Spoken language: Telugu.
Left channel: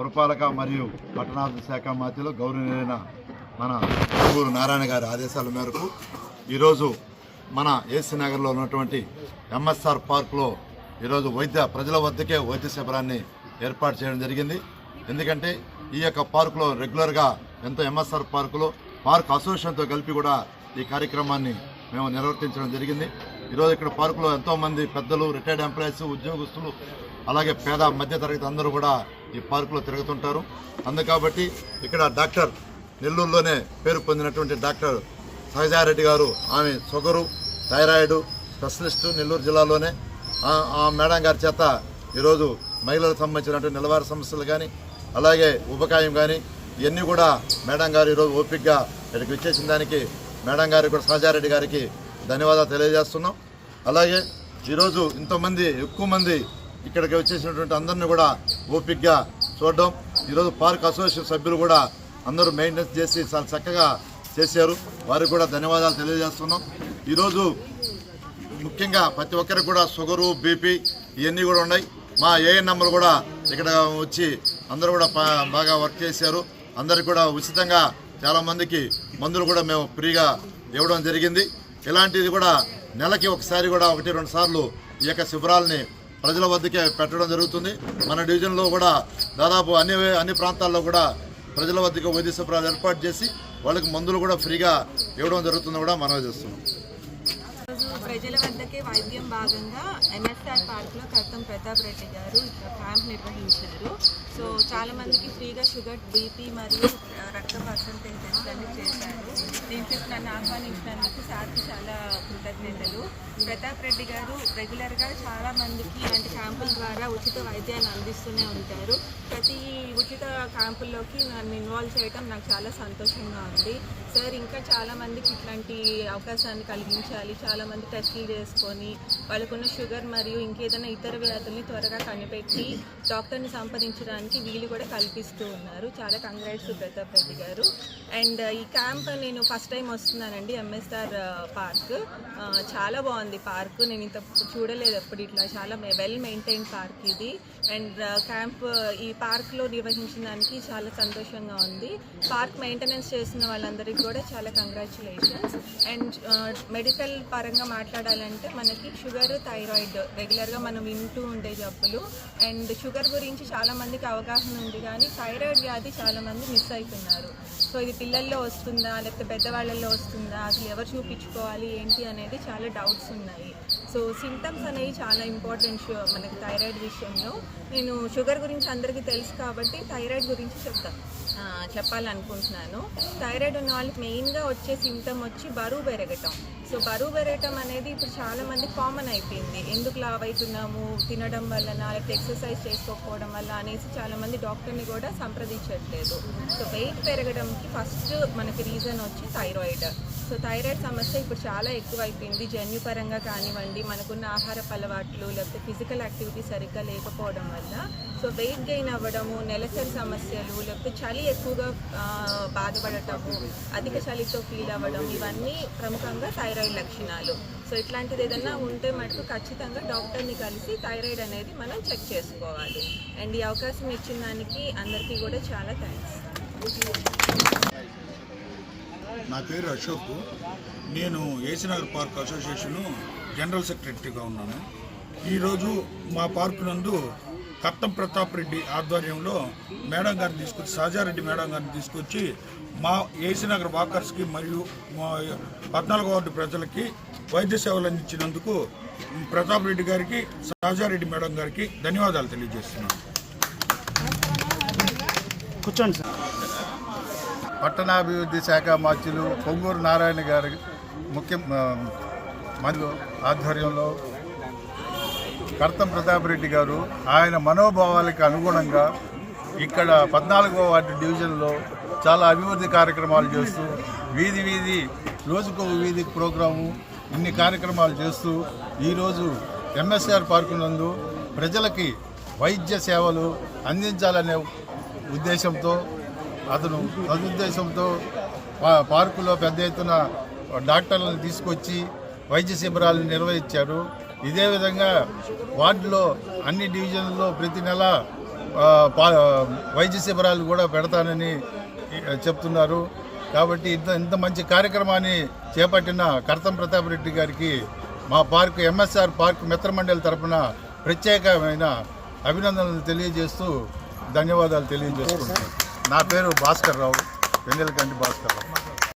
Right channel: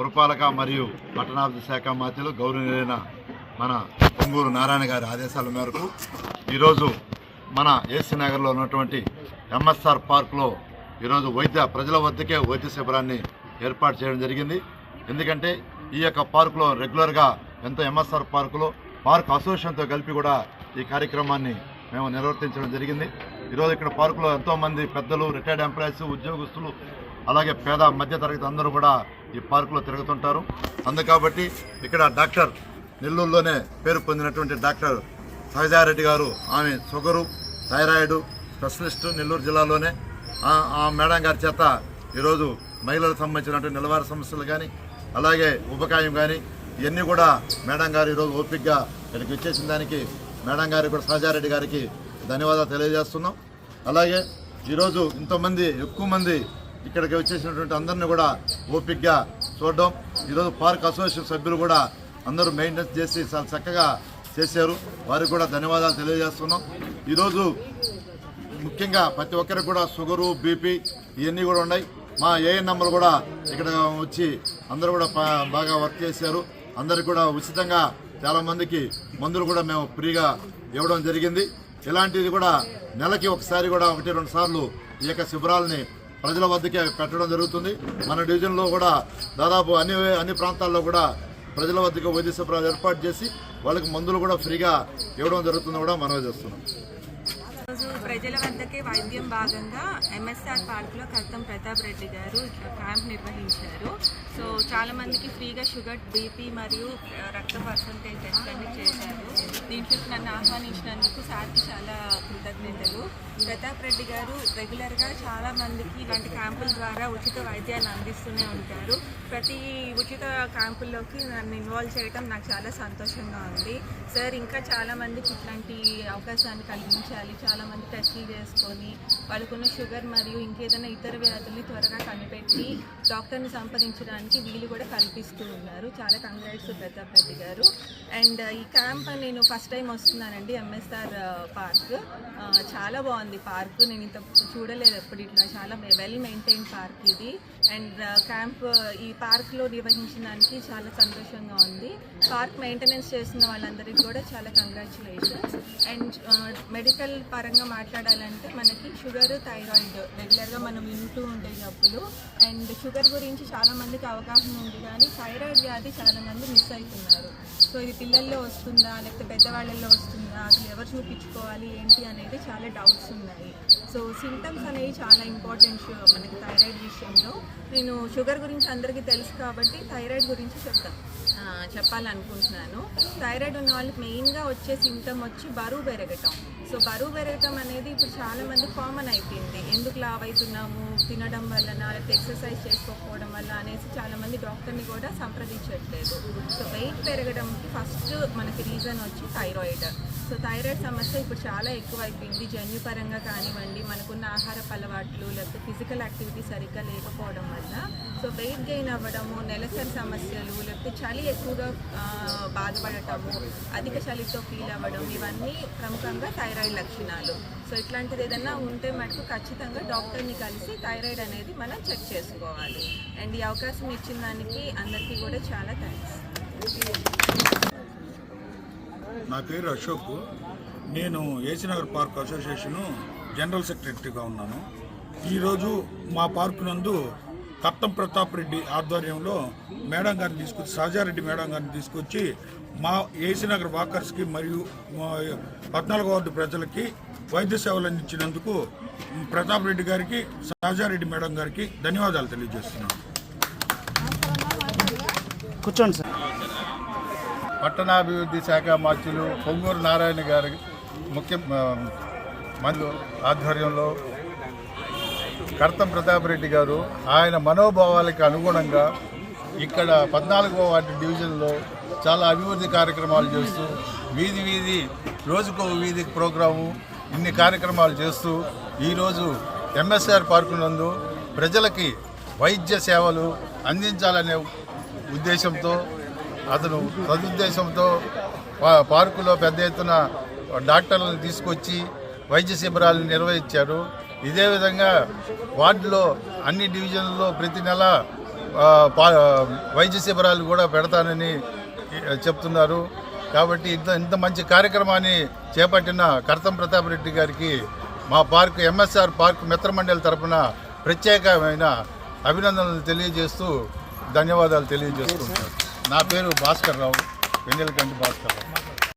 పురపాలక మరియు పట్టణాభివృద్ధి శాఖ మంత్రులు గౌరవనీయులైన మన పొంగూరు నారాయణ గారి ఆదేశాల మేరకు ఈరోజు మన ఏసీ నగర్లో ఉన్నటువంటి ఎంఎస్ఆర్ పార్కులో ఈరోజు ప్రజల వద్దకే వైద్య శిబిరాన్ని ఏర్పాటు చేయడం జరిగింది. ఎందుకంటే ఈ యొక్క పార్కులో రెగ్యులర్గా ఎంతో ఎంఎస్ఆర్ పార్కులో పార్క్ అసోసియేషన్తో కలిపి కూడా ఈ కార్యక్రమాన్ని మేము నిర్వర్తించడం జరిగింది. ఈరోజు ఇక్కడ పార్కులో ఎంతోమంది పెద్దలు, రిటైర్డ్ ఎంప్లాయీస్, ఉద్యోగస్తులు, అలాగే పేద మధ్యతరగతి అందరూ కూడా ఈ పార్కులో తిరుగుతుంటారు. కాబట్టి ఇక్కడ డాక్టర్ నెల్లూరులోనే పేరు పొందినటువంటి డాక్టర్ సహజారెడ్డి గారు, ఆమె షుగరు, థైరాయిడ్ స్పెషలిస్టు నెల్లూరు జిల్లాలోనే, ఆ మేడం గారి చేత ఈరోజు మహిళలకు సంబంధించినటువంటి నిలవార సమస్యలు కానీ అలాగే ఉపకాయం కానీ ఇవన్నీ కూడా మేడం గారు ఈరోజు ఓపికగా ఇక్కడికి వచ్చేసిన దానికి మేడం గారికి కూడా సహజారెడ్డి గారికి ధన్యవాదాలు తెలియజేస్తున్నాం. అలాగే ఈరోజు ఇంతమంది ఎక్కువ మంది ఇక్కడికి వచ్చేసినటువంటి అందరినీ కూడా ఓపికగా చూడడం, ఈరోజు పార్క్ అసోసియేషన్ సభ్యులు కూడా అందరూ మెయింటెనెన్స్ చేసి చాలా చక్కగా చేశారు. వారికి కూడా ధన్యవాదాలు తెలియజేస్తున్నాం. ఈరోజు ముఖ్యంగా ప్రతి ఒక్కరికి కూడా షుగరు, బీపీ ఇవన్నీ కూడా ఉన్నాయి. మా ఏఎన్ఎంలు కూడా ఇక్కడ వచ్చి అందరూ కూడా బాగా వర్క్ చేశారు. అందరికి కూడా ఉచితంగా చాలామందికి మందులు కూడా మేము ఫ్రీగా ఇవ్వడం జరిగింది. ఇలాంటిది కూడా నెలకి ఒకసారి కూడా 1-2 సార్లు ఈ యొక్క శిబిరాలని ప్రజల వద్దకే పెట్టడం జరుగుతుంది. మన డివిజన్లో కూడా దాదాపు అన్ని ప్రాంతాల్లో కూడా ప్రజల వద్దకు వైద్య శిబిరాలు ఏర్పాటు చేసి వాళ్ళకి మందులు కూడా ఫ్రీగా ఇవ్వడం జరుగుతుందని కూడా మనవి చేస్తున్నాం. ప్రజల వద్దకే వైద్యం భాగంగా ఎంఎస్ఆర్ పార్క్లో కర్తం ప్రతాప్ రెడ్డి గారు ఇక్కడ క్యాంప్ నిర్వహించారు. సో చాలా మందికి ఫ్రీగా షుగర్, బీపీ మరియు రక్త పర్సంటేజ్ టెస్ట్లన్నీ చేశారు. దీంట్లో నన్ను ఆహ్వానించినందుకు సార్కి చాలా కృతజ్ఞతలు. ప్రతాప్ రెడ్డి గారు రెగ్యులర్గా చాలా మందికి ఇలాంటి క్యాంపుల ద్వారా ఉచిత వైద్యాన్ని అందిస్తూనే ఉంటారు. ప్రతి ఉచిత క్యాంపుల్లోకి నన్ను ఇన్వాల్వ్ చేయడం నాకు చాలా సంతోషంగా ఉంది. సార్ ఇంకా చాలామందికి ఇట్లాంటి అవకాశాన్ని కలిగించాలి. చాలామంది టెస్టులు చేసుకొని వాళ్ళకున్న షుగర్ మరియు ఇంకేదైనా ఇతర వ్యాధుల్ని త్వరగా కనిపెట్టి డాక్టర్ని సంప్రదించడానికి వీలు కూడా కల్పిస్తూ ఉన్నారు. చాలా కంగ్రాట్స్ ప్రతాప్ రెడ్డి గారు. అండ్ ఈ క్యాంప్ నేను ఫస్ట్ టైం వస్తున్నానండి. ఎంఎస్ఆర్ పార్క్ చాలా బాగుంది. పార్క్ నేను ఇంత చూడలేదు ఎప్పుడు ఇట్లా. చాలా వెల్ మెయింటైన్ పార్క్ ఇది. అండ్ క్యాంప్ ఈ పార్క్లో నిర్వహించడానికి చాలా సంతోషంగా ఉంది. పార్క్ మెయింటెనెన్స్ చేసిన వాళ్ళందరికీ కూడా చాలా కంగ్రాచులేషన్స్. అండ్ మెడికల్ పరంగా మాట్లాడాలంటే మనకి షుగర్, థైరాయిడ్ రెగ్యులర్గా మనం వింటూ ఉండే జబ్బులు. అండ్ షుగర్ గురించి చాలామందికి అవగాహన ఉంది, కానీ థైరాయిడ్ వ్యాధి చాలామంది మిస్ అవుతున్నారు. సో ఇది పిల్లల్లో వస్తుందా లేకపోతే పెద్దవాళ్ళల్లో వస్తుందా, అసలు ఎవరు చూపించుకోవాలి ఏంటి అనేది చాలా డౌట్స్ ఉన్నాయి. సో సిమ్టమ్స్ అనేవి చాలా ఇంపార్టెంట్ మనకి థైరాయిడ్ విషయంలో. నేను షుగర్ గురించి అందరికీ తెలుసు కాబట్టి థైరాయిడ్ గురించి చెప్పాలనుకుంటున్నాను. థైరాయిడ్ ఉన్న వాళ్ళకి మెయిన్గా వచ్చే సిమ్టమ్ వచ్చి బరువు పెరగటం. సో బరువు పెరగటం అనేది ఇప్పుడు చాలామంది కామన్ అయిపోయింది. ఎందుకు లావ్ అవుతున్నాము, తినడం వలన లేకపోతే ఎక్సర్సైజ్ చేసుకోకపోవడం వల్ల అనేసి చాలామంది డాక్టర్ని కూడా సంప్రదించట్లేదు. సో వెయిట్ పెరగడంకి ఫస్ట్ మనకి రీజన్ వచ్చి థైరాయిడ్. సో థైరాయిడ్ సమస్య ఇప్పుడు చాలా ఎక్కువ అయిపోయింది. జన్యుపరంగా కానివ్వండి, మనకున్న ఆహారపు అలవాట్లు లేకపోతే ఫిజికల్ యాక్టివిటీ సరిగ్గా లేకపోవడం వల్ల సో వెయిట్ గెయిన్ అవ్వడము, నెలసరి సమస్యలు, లేకపోతే చలి ఎక్కువగా బాధపడటము, అధిక చలితో ఫీల్ అవ్వడం, ఇవన్నీ ప్రముఖంగా థైరాయిడ్ లక్షణాలు. సో ఇట్లాంటిది ఏదైనా ఉంటే మటుకు ఖచ్చితంగా డాక్టర్ని కలిసి థైరాయిడ్ అనేది మనం చెక్ చేసుకోవాలి. అండ్ ఈ అవకాశం ఇచ్చిన దానికి అందరికీ కూడా చాలా థ్యాంక్స్. నా పేరు అశోక్. నేను AC Nagar park association general సెక్రటరీగా ఉన్నాను. ఈరోజు మా పార్కు నందు కర్తం ప్రతాప్ రెడ్డి ఆధ్వర్యంలో మేడం గారిని తీసుకొచ్చి, సహజారెడ్డి మేడం గారిని తీసుకొచ్చి మా ఏసీ నగర్ వాకర్స్కి మరియు మా 14వ వార్డు ప్రజలకి వైద్య సేవలు అందించినందుకు ప్రతాప్ రెడ్డి గారికి, సహజారెడ్డి మేడం గారికి ధన్యవాదాలు తెలియజేస్తున్నాను. కూర్చోండి సార్. పట్టణాభివృద్ధి శాఖ మంత్రులు పొంగూరు నారాయణ గారి మంత్రులు ఆధ్వర్యంలో కర్తం ప్రతాప్ రెడ్డి గారు ఆయన మనోభావాలకు అనుగుణంగా ఇక్కడ 14వ వార్డు డివిజన్లో చాలా అభివృద్ధి కార్యక్రమాలు చేస్తూ వీధి రోజుకో వీధి ప్రోగ్రాము ఇన్ని కార్యక్రమాలు చేస్తూ ఈరోజు ఎంఎస్ఆర్ పార్కు నందు ప్రజలకి వైద్య సేవలు అందించాలనే ఉద్దేశంతో అతను సదుద్దేశంతో పార్కులో పెద్ద ఎత్తున డాక్టర్లను తీసుకొచ్చి వైద్య శిబిరాలను నిర్వహించారు. ఇదే విధంగా వార్డులో అన్ని డివిజన్లలో ప్రతి నెల వైద్య శిబిరాలు కూడా పెడతానని చెప్తున్నారు. కాబట్టి ఇంత మంచి కార్యక్రమాన్ని చేపట్టిన కర్తం ప్రతాప్ రెడ్డి గారికి మా పార్క్ ఎంఎస్ఆర్ పార్క్ మిత్రమండలి తరఫున ప్రత్యేకమైన అభినందనలు తెలియజేస్తూ ధన్యవాదాలు తెలియజేసుకుంటున్నాను. నా పేరు భాస్కర్ రావు, వెన్నెలకంటి భాస్కర్ రావు.